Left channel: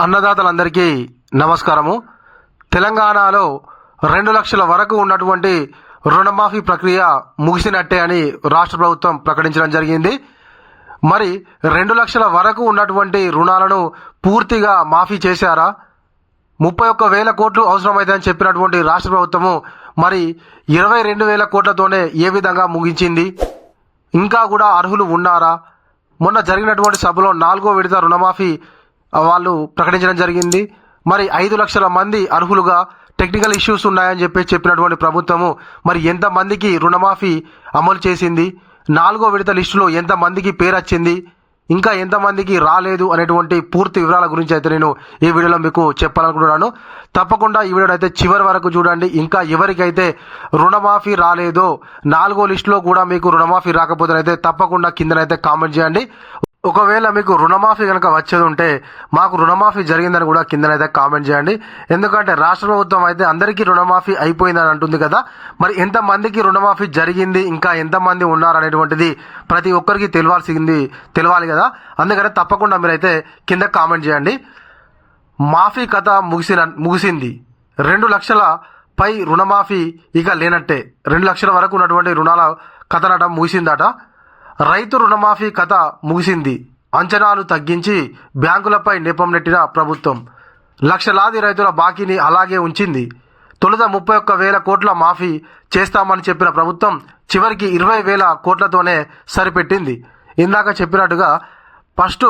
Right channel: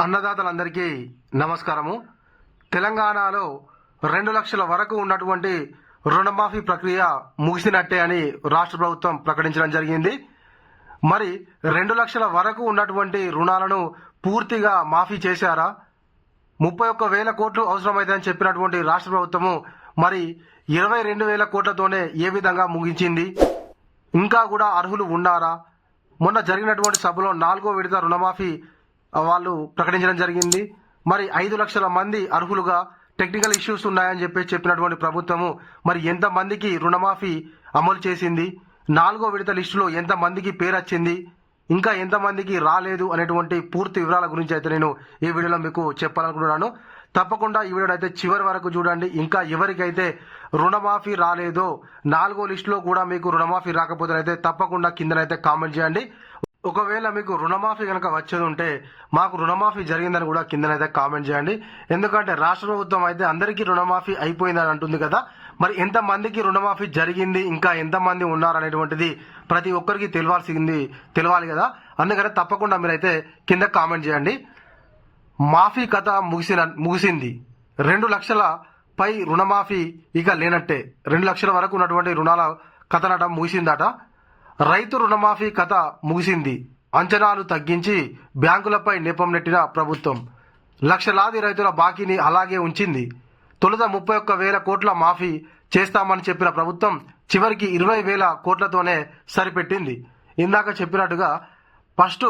అన్నదాతలందరికీ నమస్కారము. తెలంగాణలో రెండు లక్షల వరకు ఉన్నటువంటి రుణమాఫీ ప్రక్రియ ముగిసినట్టే అని రాష్ట్ర ప్రభుత్వం ప్రకటించడం జరిగింది. మరి రెండు లక్షల వరకు ఉన్నటువంటి రుణాలను పూర్తిగా మాఫీ చేశారా? ముప్పై ఒక్క వేల కోట్లు అవసరమైందని చెప్పినటువంటి రాష్ట్ర ప్రభుత్వము మరి ఇరవై రెండు వేల కోట్లతోనే ఏ విధంగా ముగించింది? ఇంకా కూడా అర్హులు ఉన్నారా? మొన్న జరిగినటువంటి సభలో నాలుగో విడత రుణమాఫీ వాళ్ళు ప్రకటించడం జరిగింది. మరి ఐదు లక్షల మంది అర్హులుగా టెక్నికల్ ఇష్యూస్ ఉన్నాయని చెప్పి చెప్పినటువంటి ప్రభుత్వము మరి ఎంతమందికి రుణమాఫీ అమలు చేసింది? నాలుగో విడత లిస్టులో ఎంతమందికి పేరు వచ్చింది? ఇంకా ఎంతమందికి రాలేదు అనేటువంటి పూర్తి వివరాల గురించి అయితే నేను ఈ వీడియోలో మీకు చెప్పాలనుకుంటున్నాను. తప్పకుండా ఈ వీడియో అయితే చివరి వరకు చూడండి. ఇంకా ఎవరికైతే రుణమాఫీ రాలేదో నాలుగో లిస్టులో కూడా మీకు రుణమాఫీ రాకపోతే అయితే తప్పకుండా కిందనైతే కామెంట్ చేయండి. ఒకవేళ మీకు రుణమాఫీ కనుక వచ్చేది ఉంటే మాకు రుణమాఫీ జరిగిందని కూడా కిందనైతే కామెంట్ చేయండి. ఎందుకంటే రాష్ట్ర ప్రభుత్వం అయితే అందరికీ రుణమాఫీ అయిపోయిందని అంటుంది కదా. మరి ఎంతమందికి రుణమాఫీ జరిగింది ఇంకా ఎంతమంది ఉన్నారనేటువంటిది ప్రతి ఒక్కరికి తెలియాల్సింది తెలియాలి కదా. అందుకని తప్పకుండా మీరైతే కింద కామెంట్ చేయండి. మాఫీ కథ ముగిసిన ముగిసింది. రెండు లక్షల పై రుణమాఫీ ఇక లేనట్టే. రెండు లక్షల వరకు ఉన్నటువంటి రుణాల కథనట ముగిసిందట. రైతు రుణమాఫీ కథ ముగిసింది. అంచనాలు తగ్గించి బ్యాంకులపై నెపం నెట్టిన ప్రభుత్వం. లక్షలాది రైతుల బాకీని అలాగే ఉంచింది. తొలుత ముప్పై ఒక్క వేల కోట్ల మాఫీ చేస్తామని చెప్పిన ప్రభుత్వం చివరికి ఇరవై వేల కోట్లతోనే సరిపెట్టింది. ఇందాక చెప్పినట్టుగా ఫస్ట్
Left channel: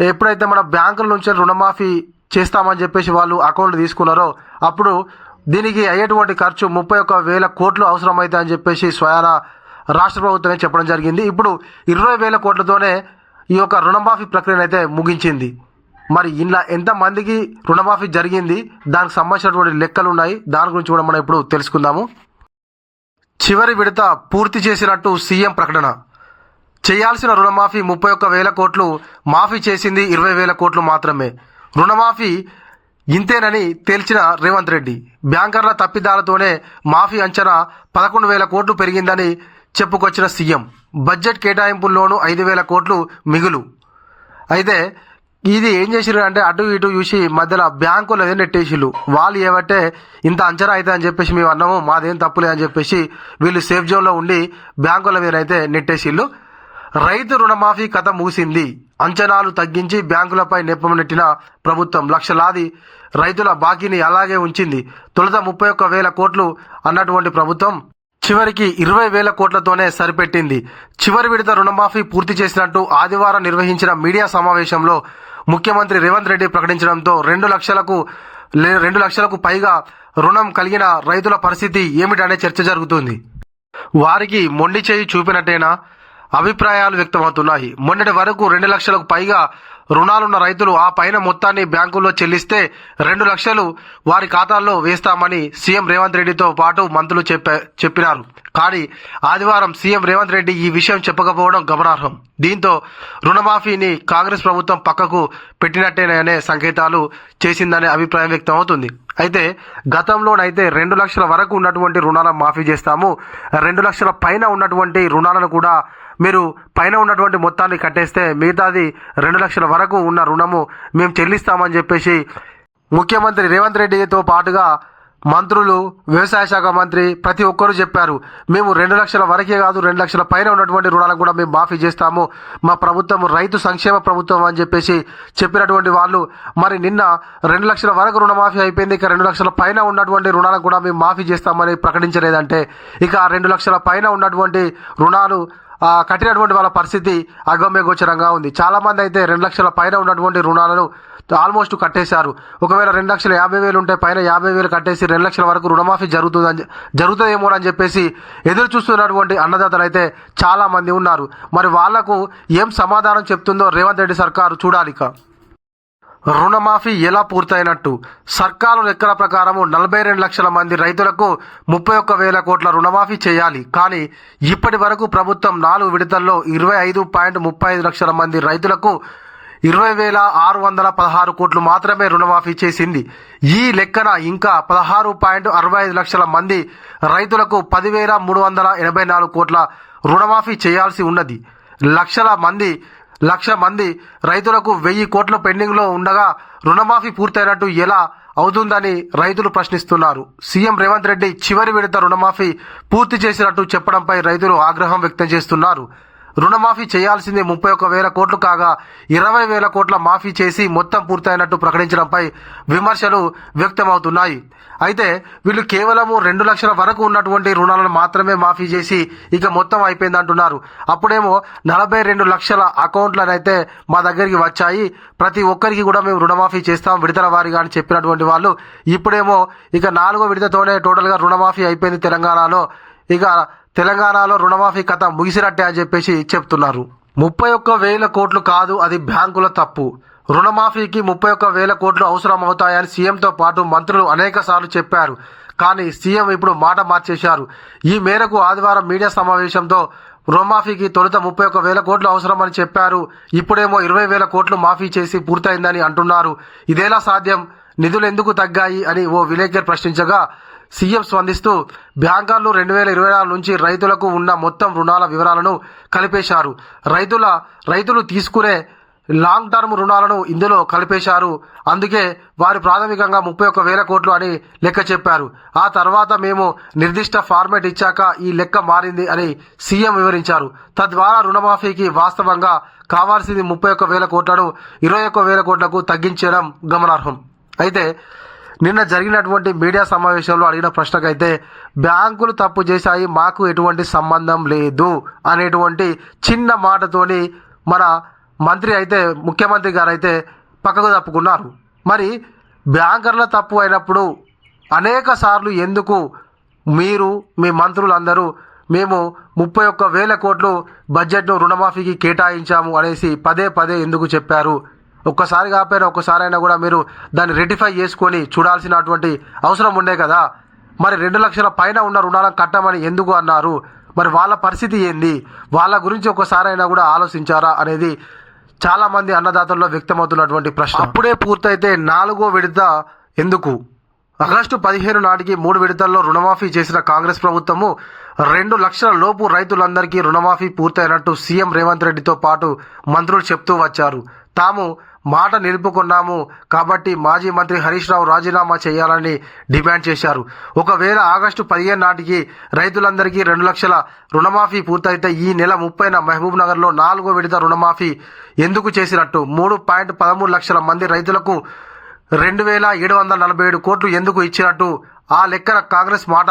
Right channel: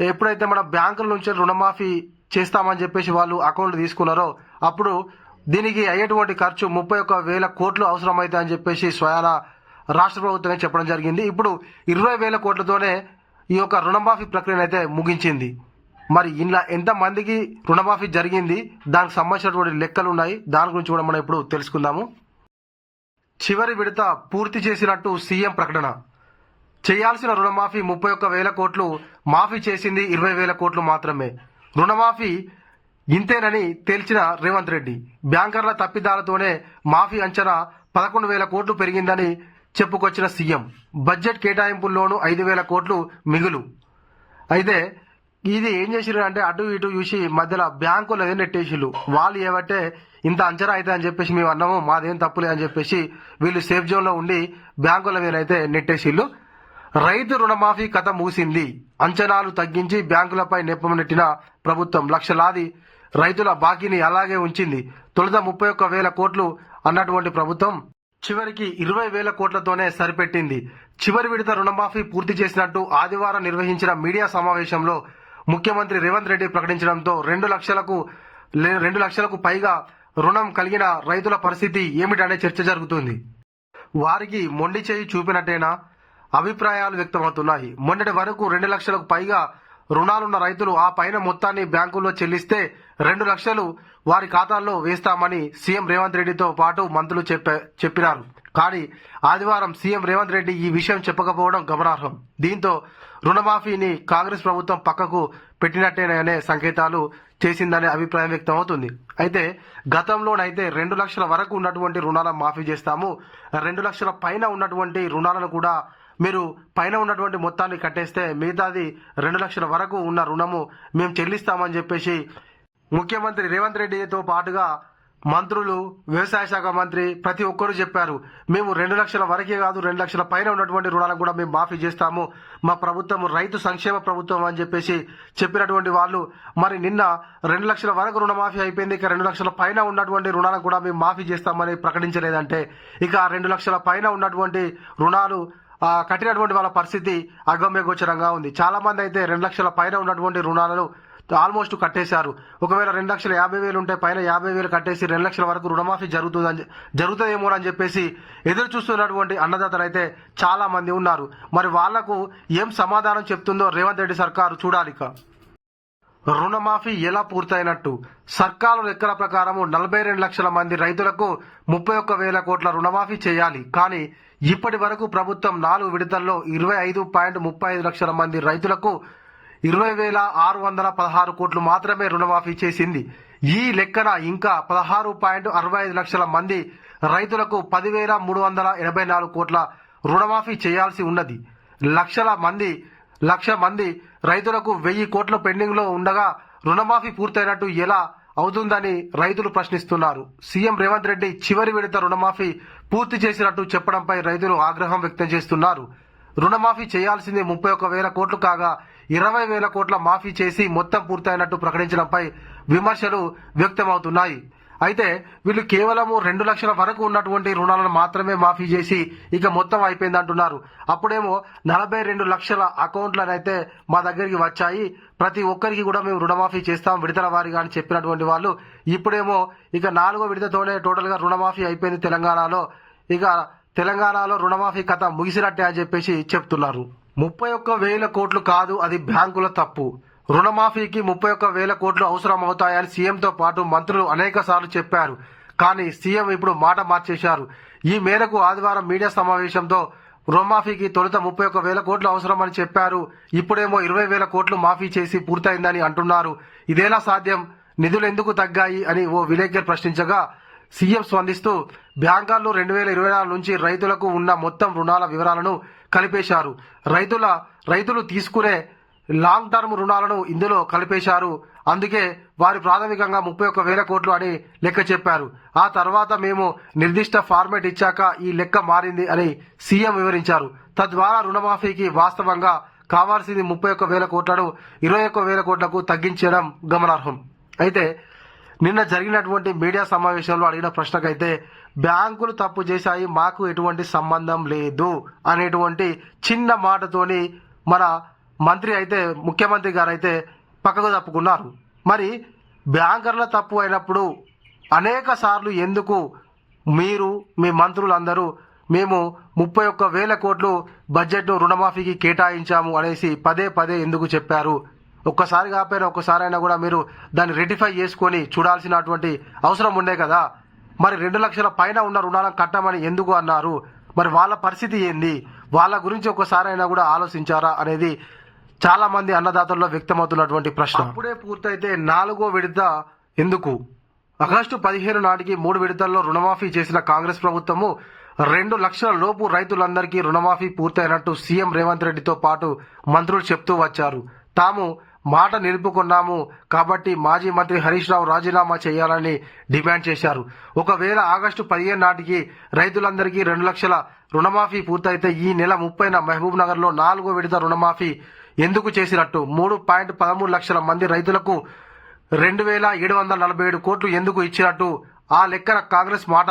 ఎప్పుడైతే మన బ్యాంకుల నుంచి రుణమాఫీ చేస్తామని చెప్పేసి వాళ్ళు అకౌంట్ తీసుకున్నారో అప్పుడు దీనికి అయ్యేటువంటి ఖర్చు ముప్పై ఒక్క వేల కోట్లు అవసరమైతే అని చెప్పేసి స్వయాన రాష్ట్ర ప్రభుత్వమే చెప్పడం జరిగింది. ఇప్పుడు ఇరవై వేల కోట్లతోనే ఈ యొక్క రుణమాఫీ ప్రక్రియను అయితే ముగించింది. మరి ఇలా ఎంతమందికి రుణమాఫీ జరిగింది? దానికి సంబంధించినటువంటి లెక్కలు ఉన్నాయి. దాని గురించి కూడా మనం ఇప్పుడు తెలుసుకుందాము. చివరి విడత పూర్తి చేసినట్టు సీఎం ప్రకటన. చేయాల్సిన రుణమాఫీ ముప్పై ఒక్క వేల కోట్లు మాఫీ చేసింది ఇరవై వేల కోట్లు మాత్రమే. రుణమాఫీ ఇంతేనని తేల్చిన రేవంత్ రెడ్డి. బ్యాంకర్ల తప్పిదాలతోనే మాఫీ అంచనా పదకొండు వేల కోట్లు పెరిగిందని చెప్పుకొచ్చిన సీఎం. బడ్జెట్ కేటాయింపుల్లోనూ ఐదు వేల కోట్లు మిగులు. అయితే ఇది ఏం చేసిరు అంటే అటు ఇటు చూసి మధ్యలో బ్యాంకులు ఏదో నెట్టేసిళ్ళు వాళ్ళు ఏమంటే ఇంత అంచనా అయితే అని చెప్పేసి మేము అన్నాము. మాదేం తప్పులే అని చెప్పేసి వీళ్ళు సేఫ్ జోన్లో ఉండి బ్యాంకుల మీద అయితే నెట్టేసిళ్ళు రైతు రుణమాఫీ కథ ముగిసింది. అంచనాలు తగ్గించి బ్యాంకులపై నెప్పం నెట్టిన ప్రభుత్వం లక్షలాది రైతుల బాకీని అలాగే ఉంచింది. తొలుత ముప్పై ఒక్క వేల కోట్లు అన్నటువంటి ప్రభుత్వం చివరికి ఇరవై వేల కోట్లతోనే సరిపెట్టింది. చివరి విడత రుణమాఫీ పూర్తి చేసినట్టు ఆదివారం నిర్వహించిన మీడియా సమావేశంలో ముఖ్యమంత్రి రేవంత్ రెడ్డి ప్రకటించడంతో రెండు లక్షలకు లే- రెండు లక్షలకు పైగా రుణం కలిగిన రైతుల పరిస్థితి ఏమిటనే చర్చ జరుగుతుంది. వారికి మొండి చేయి చూపినట్టేనా? అభిప్రాయాలు వ్యక్తమవుతున్నాయి. మొన్నటి వరకు రెండు లక్షలకు పైగా రుణాలున్న రైతులు ఆ పైన మొత్తాన్ని బ్యాంకుల్లో చెల్లిస్తే రెండు లక్షలు వారి ఖాతాల్లో వేస్తామని సీఎం రేవంత్ రెడ్డితో పాటు మంత్రులు చెప్పినారు. కానీ ఆదివారం సీఎం రేవంత్ రెడ్డి ఈ విషయం చెప్పకపోవడం గమనార్హం. దీంతో రుణమాఫీని కాంగ్రెస్ ప్రభుత్వం పక్కకు పెట్టినట్టేననే సంకేతాలు చేసిందనే అభిప్రాయం వ్యక్తమవుతుంది. అయితే గతంలోనైతే రెండు లక్షల వరకు ఉన్నటువంటి రుణాలను మాఫీ చేస్తాము రెండు లక్షల పైన ఉన్నటువంటి రుణాలను కూడా మీరు పైన ఉన్నటువంటి మొత్తాన్ని కట్టేస్తే మిగతాది రెండు లక్షల వరకు ఉన్న రుణము మేము చెల్లిస్తామని చెప్పేసి ముఖ్యమంత్రి రేవంత్ రెడ్డితో పాటుగా మంత్రులు వ్యవసాయ శాఖ మంత్రి ప్రతి ఒక్కరూ చెప్పారు. మేము రెండు లక్షల వరకే కాదు రెండు లక్షల పైన ఉన్నటువంటి రుణాలను కూడా మేము మాఫీ చేస్తాము. మా ప్రభుత్వం రైతు సంక్షేమ ప్రభుత్వం అని చెప్పేసి చెప్పినటువంటి వాళ్ళు. మరి నిన్న రెండు లక్షల వరకు రుణమాఫీ అయిపోయింది. ఇక రెండు లక్షల పైన ఉన్నటువంటి రుణాలను కూడా మేము మాఫీ చేస్తామని ప్రకటించలేదంటే ఇక రెండు లక్షల పైన ఉన్నటువంటి రుణాలు కట్టినటువంటి వాళ్ళ పరిస్థితి అగమ్యగోచరంగా ఉంది. చాలా మంది అయితే రెండు లక్షల పైన ఉన్నటువంటి రుణాలను ఆల్మోస్ట్ కట్టేశారు. ఒకవేళ రెండు లక్షల యాభై వేలు ఉంటే పైన యాభై వేలు కట్టేసి రెండు లక్షల వరకు రుణమాఫీ జరుగుతుందని జరుగుతుందేమో అని చెప్పేసి ఎదురు చూస్తున్నటువంటి అన్నదాతలు అయితే చాలా మంది ఉన్నారు. మరి వాళ్ళకు ఏం సమాధానం చెప్తుందో రేవంత్ రెడ్డి సర్కారు చూడాలి రుణమాఫీ ఎలా పూర్తయినట్టు? సర్కారు లెక్కల ప్రకారము నలభై రెండు లక్షల మంది రైతులకు ముప్పై ఒక్క వేల కోట్ల రుణమాఫీ చేయాలి. కానీ ఇప్పటి వరకు ప్రభుత్వం నాలుగు విడతల్లో ఇరవై ఐదు పాయింట్ ముప్పై ఐదు లక్షల మంది రైతులకు ఇరవై వేల ఆరు వందల పదహారు కోట్లు మాత్రమే రుణమాఫీ చేసింది. ఈ లెక్కన ఇంకా పదహారు పాయింట్ అరవై ఐదు లక్షల మంది రైతులకు పదివేల మూడు వందల ఎనభై నాలుగు కోట్ల రుణమాఫీ చేయాల్సి ఉన్నది. లక్షల మంది లక్ష మంది రైతులకు వెయ్యి కోట్ల పెండింగ్లో ఉండగా రుణమాఫీ పూర్తయినట్టు ఎలా అవుతుందని రైతులు ప్రశ్నిస్తున్నారు. సీఎం రేవంత్ రెడ్డి చివరి విడత రుణమాఫీ పూర్తి చేసినట్టు చెప్పడంపై రైతులు ఆగ్రహం వ్యక్తం చేస్తున్నారు. రుణమాఫీ చేయాల్సింది ముప్పై ఒక్క వేల కోట్లు కాగా ఇరవై వేల కోట్ల మాఫీ చేసి మొత్తం పూర్తయినట్టు ప్రకటించడంపై విమర్శలు వ్యక్తమవుతున్నాయి. అయితే వీళ్ళు కేవలము రెండు లక్షల వరకు ఉన్నటువంటి రుణాలను మాత్రమే మాఫీ చేసి ఇక మొత్తం అయిపోయిందంటున్నారు. అప్పుడేమో నలభై రెండు లక్షల అకౌంట్లనైతే మా దగ్గరికి వచ్చాయి. ప్రతి ఒక్కరికి కూడా మేము రుణమాఫీ చేస్తాం విడతల వారిగా అని చెప్పినటువంటి వాళ్ళు. ఇప్పుడేమో ఇక నాలుగో విడతతోనే టోటల్గా రుణమాఫీ అయిపోయింది తెలంగాణలో. ఇక తెలంగాణలో రుణమాఫీ కథ ముగిసినట్టే అని చెప్పేసి చెప్తున్నారు. ముప్పై ఒక్క వేల కోట్లు కాదు అది బ్యాంకుల తప్పు. రుణమాఫీకి ముప్పై ఒక్క వేల కోట్లు అవసరం అవుతాయని సీఎంతో పాటు మంత్రులు అనేక సార్లు చెప్పారు. కానీ సీఎం ఇప్పుడు మాట మార్చేశారు. ఈ మేరకు ఆదివారం మీడియా సమావేశంతో రుణమాఫీకి తొలుత ముప్పై ఒక్క వేల కోట్లు అవసరమని చెప్పారు. ఇప్పుడేమో ఇరవై వేల కోట్లు మాఫీ చేసి పూర్తయిందని అంటున్నారు. ఇదేలా సాధ్యం? నిధులు ఎందుకు తగ్గాయి? అని ఓ విలేకరు ప్రశ్నించగా సీఎం స్పందిస్తూ బ్యాంకర్లు రెండు వేల ఇరవై నాలుగు నుంచి రైతులకు ఉన్న మొత్తం రుణాల వివరాలను కలిపేశారు. రైతుల రైతులు తీసుకునే లాంగ్ టర్మ్ రుణాలను ఇందులో కలిపేశారు. అందుకే వారు ప్రాథమికంగా ముప్పై ఒక్క వేల కోట్లు అని లెక్క చెప్పారు. ఆ తర్వాత మేము నిర్దిష్ట ఫార్మేట్ ఇచ్చాక ఈ లెక్క మారింది అని సీఎం వివరించారు. తద్వారా రుణమాఫీకి వాస్తవంగా కావాల్సింది ముప్పై ఒక్క వేల కోట్లను ఇరవై ఒక్క వేల కోట్లకు తగ్గించడం గమనార్హం. అయితే నిన్న జరిగినటువంటి మీడియా సమావేశంలో అడిగిన ప్రశ్నకైతే బ్యాంకులు తప్పు చేశాయి మాకు ఎటువంటి సంబంధం లేదు అనేటువంటి చిన్న మాటతోని మన మంత్రి అయితే ముఖ్యమంత్రి గారు అయితే పక్కకు తప్పుకున్నారు. మరి బ్యాంకర్ల తప్పు అయినప్పుడు అనేక సార్లు ఎందుకు మీరు మీ మంత్రులందరూ మేము ముప్పై ఒక్క వేల కోట్లు బడ్జెట్ను రుణమాఫీకి కేటాయించాము అనేసి పదే పదే ఎందుకు చెప్పారు? ఒక్కసారి కాకపోయినా ఒక్కసారైనా కూడా మీరు దాన్ని రెటిఫై చేసుకొని చూడాల్సినటువంటి అవసరం ఉండే కదా. మరి రెండు లక్షల పైన ఉన్న రుణాలను కట్టమని ఎందుకు అన్నారు? మరి వాళ్ళ పరిస్థితి ఏంది? వాళ్ళ గురించి ఒకసారైనా కూడా ఆలోచించారా అనేది చాలా మంది అన్నదాతల్లో వ్యక్తమవుతున్నటువంటి ప్రశ్న. అప్పుడే పూర్తయితే నాలుగో విడత ఎందుకు? ఆగస్టు పదిహేను నాటికి మూడు విడతల్లో రుణమాఫీ చేసిన కాంగ్రెస్ ప్రభుత్వము రెండు లక్షల లోపు రైతులందరికీ రుణమాఫీ పూర్తయినట్టు సీఎం రేవంత్ రెడ్డితో పాటు మంత్రులు చెప్తూ వచ్చారు. తాము మాట నిలుపుకున్నాము. కాబట్టి మాజీ మంత్రి హరీష్ రావు రాజీనామా చేయాలని డిమాండ్ చేశారు. ఒకవేళ ఆగస్టు పదిహేను నాటికి రైతులందరికీ రెండు లక్షల రుణమాఫీ పూర్తయితే ఈ నెల ముప్పైన మహబూబ్ నగర్లో నాలుగో విడత రుణమాఫీ ఎందుకు చేసినట్టు? మూడు పాయింట్ పదమూడు లక్షల మంది రైతులకు రెండు వేల ఏడు వందల నలభై ఏడు కోట్లు ఎందుకు ఇచ్చినట్టు? ఆ లెక్కన కాంగ్రెస్ మాట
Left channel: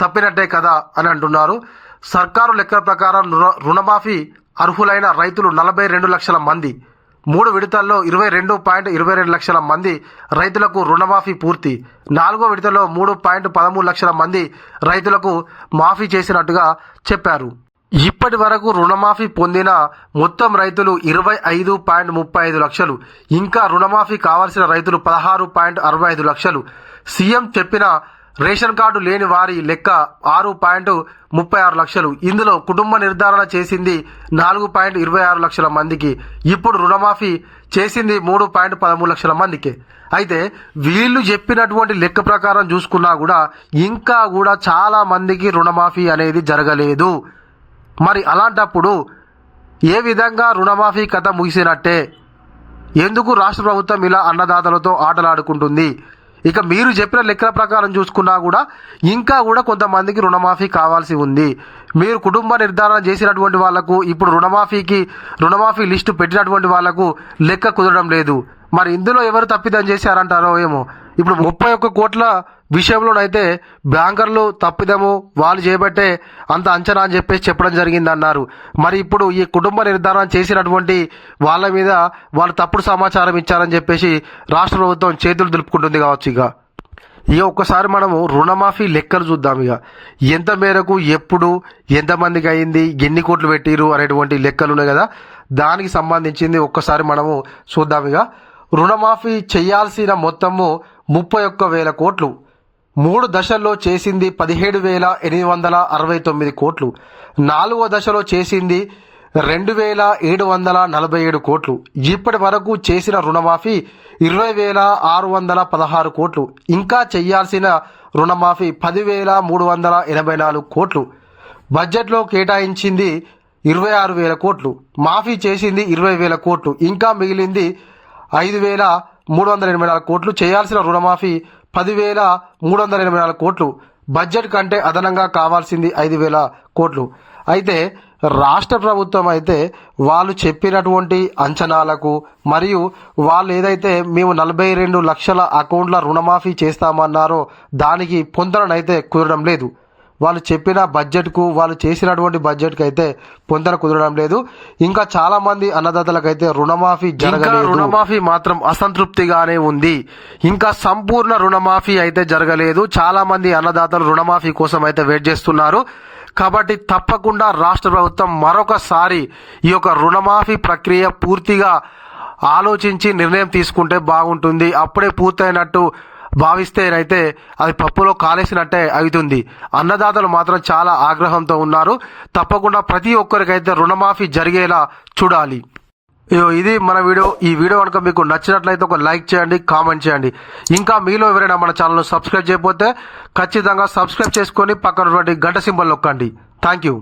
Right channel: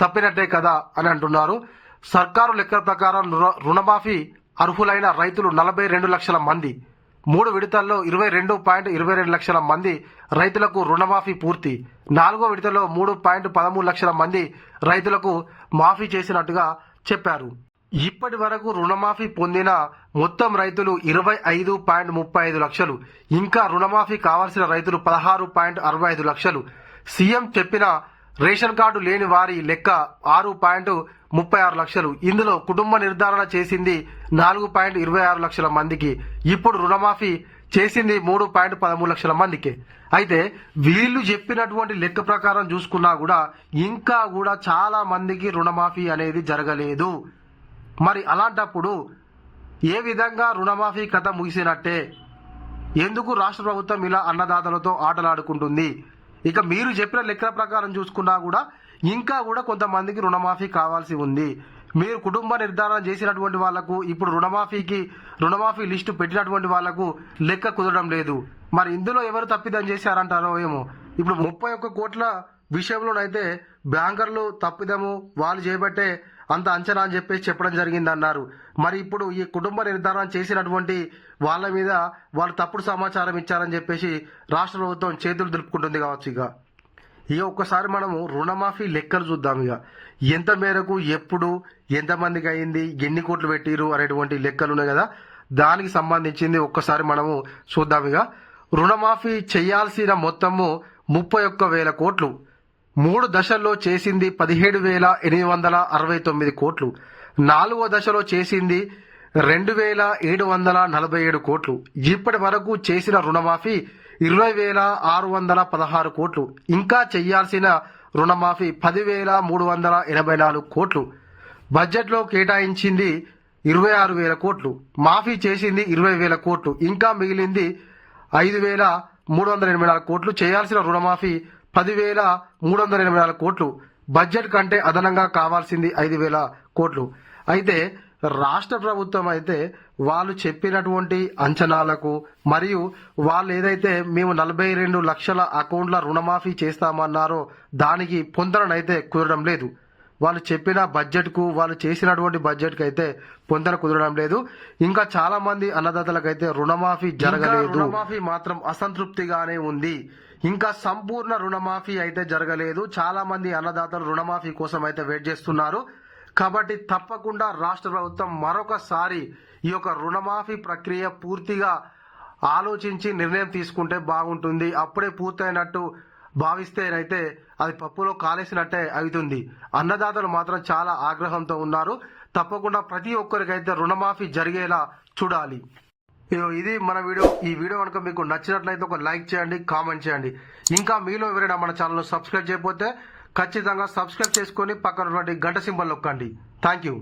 తప్పినట్టే కదా అని అంటున్నారు. సర్కారు లెక్కల ప్రకారం రుణ- రుణమాఫీ అర్హులైన రైతులు నలభై రెండు లక్షల మంది. మూడు విడతల్లో ఇరవై రెండు పాయింట్ ఇరవై రెండు లక్షల మంది రైతులకు రుణమాఫీ పూర్తి. నాలుగో విడతలో మూడు పాయింట్ పదమూడు లక్షల మంది రైతులకు మాఫీ చేసినట్టుగా చెప్పారు. ఇప్పటి వరకు రుణమాఫీ పొందిన మొత్తం రైతులు ఇరవై ఐదు పాయింట్ ముప్పై ఐదు లక్షలు. ఇంకా రుణమాఫీ కావాల్సిన రైతులు పదహారు పాయింట్ అరవై ఐదు లక్షలు. సీఎం చెప్పిన రేషన్ కార్డు లేని వారి లెక్క ఆరు పాయింట్ ముప్పై ఆరు లక్షలు. ఇందులో కుటుంబ నిర్ధారణ చేసింది నాలుగు పాయింట్ ఇరవై ఆరు లక్షల మందికి. ఇప్పుడు రుణమాఫీ చేసింది మూడు పాయింట్ పదమూడు లక్షల మందికి. అయితే వీళ్ళు చెప్పినటువంటి లెక్క ప్రకారం చూసుకున్నా కూడా ఇంకా కూడా చాలా మందికి రుణమాఫీ అనేది జరగలేదు. మరి అలాంటప్పుడు ఏ విధంగా రుణమాఫీ కథ ముగిసినట్టే? ఎందుకు రాష్ట్ర ప్రభుత్వం ఇలా అన్నదాతలతో ఆటలాడుకుంటుంది? ఇక మీరు చెప్పిన లెక్కల ప్రకారం చూసుకున్నా కూడా ఇంకా కూడా కొంతమందికి రుణమాఫీ కావాల్సి ఉంది. మీరు కుటుంబ నిర్ధారణ చేసినటువంటి వాళ్ళకు ఇప్పుడు రుణమాఫీకి రుణమాఫీ లిస్టు పెట్టినటువంటి వాళ్ళకు లెక్క కుదరడం లేదు. మరి ఇందులో ఎవరు తప్పిదం చేశారంటారో ఏమో? ఇప్పుడు ముప్పై ఒక్క కోట్ల విషయంలోనైతే బ్యాంకర్లు తప్పిదము వాళ్ళు చేపట్టే అంత అంచనా అని చెప్పేసి చెప్పడం జరిగింది అన్నారు మరి ఇప్పుడు ఈ కుటుంబ నిర్ధారణ చేసినటువంటి వాళ్ళ మీద వాళ్ళు తప్పుడు సమాచారం ఇచ్చారని చెప్పేసి రాష్ట్ర ప్రభుత్వం చేతులు దులుపుకుంటుంది కావచ్చు ఇక. ఇక ఒక్కసారి మనము రుణమాఫీ లెక్కలు చూద్దాం ఇక. ఎంత మేరకు ఎప్పుడు ఎంతమందికి అయింది ఎన్ని కోట్లు పెట్టిరు అనేటువంటి లెక్కలు ఉన్నాయి కదా. దానికి సంబంధించింది ఒక్కసారి మనము చూద్దాం ఇక. రుణమాఫీ చేయాల్సిన మొత్తము ముప్పై ఒక్క వేల కోట్లు. మూడు దశల్లో చేసింది పదిహేడు వేల ఎనిమిది వందల అరవై తొమ్మిది కోట్లు. నాలుగో దశలో చేసింది రెండు వేల ఏడు వందల నలభై ఏడు కోట్లు. ఇప్పటి వరకు చేసిన రుణమాఫీ ఇరవై వేల ఆరు వందల పదహారు కోట్లు. ఇంకా చేయాల్సిన రుణమాఫీ పదివేల మూడు వందల ఎనభై నాలుగు కోట్లు. బడ్జెట్లో కేటాయించింది ఇరవై ఆరు వేల కోట్లు. మాఫీ చేసింది ఇరవై వేల కోట్లు. ఇంకా మిగిలింది ఐదు వేల మూడు వందల ఎనభై నాలుగు కోట్లు. చేయాల్సిన రుణమాఫీ పదివేల మూడు వందల ఎనభై నాలుగు కోట్లు. బడ్జెట్ కంటే అదనంగా కావాల్సింది ఐదు వేల కోట్లు. అయితే రాష్ట్ర ప్రభుత్వం అయితే వాళ్ళు చెప్పినటువంటి అంచనాలకు మరియు వాళ్ళు ఏదైతే మేము నలభై రెండు లక్షల అకౌంట్ల రుణమాఫీ చేస్తామన్నారో దానికి పొందనైతే కుదరడం లేదు. వాళ్ళు చెప్పిన బడ్జెట్కు వాళ్ళు చేసినటువంటి బడ్జెట్కి అయితే పొందన కుదరడం లేదు. ఇంకా చాలా మంది అన్నదాతలకైతే రుణమాఫీ జరగలేదు. రుణమాఫీ మాత్రం అసంతృప్తిగానే ఉంది. ఇంకా సంపూర్ణ రుణమాఫీ అయితే జరగలేదు. చాలా మంది అన్నదాతలు రుణమాఫీ కోసం అయితే వెయిట్ చేస్తున్నారు. కాబట్టి తప్పకుండా రాష్ట్ర ప్రభుత్వం మరొకసారి ఈ యొక్క రుణమాఫీ ప్రక్రియ పూర్తిగా ఆలోచించి నిర్ణయం తీసుకుంటే బాగుంటుంది. అప్పుడే పూర్తయినట్టు భావిస్తేనైతే అది పప్పులో కాలేసినట్టే అవుతుంది అన్నదాతలు మాత్రం చాలా ఆగ్రహంతో ఉన్నారు. తప్పకుండా ప్రతి ఒక్కరికైతే రుణమాఫీ జరిగేలా చూడాలి. ఇది మన వీడియో. ఈ వీడియో కనుక మీకు నచ్చినట్లయితే ఒక లైక్ చేయండి కామెంట్ చేయండి. ఇంకా మీలో ఎవరైనా మన ఛానల్ను సబ్స్క్రైబ్ చేయకపోతే ఖచ్చితంగా సబ్స్క్రైబ్ చేసుకొని పక్కనటువంటి గంట సింబల్ నొక్కండి. Thank you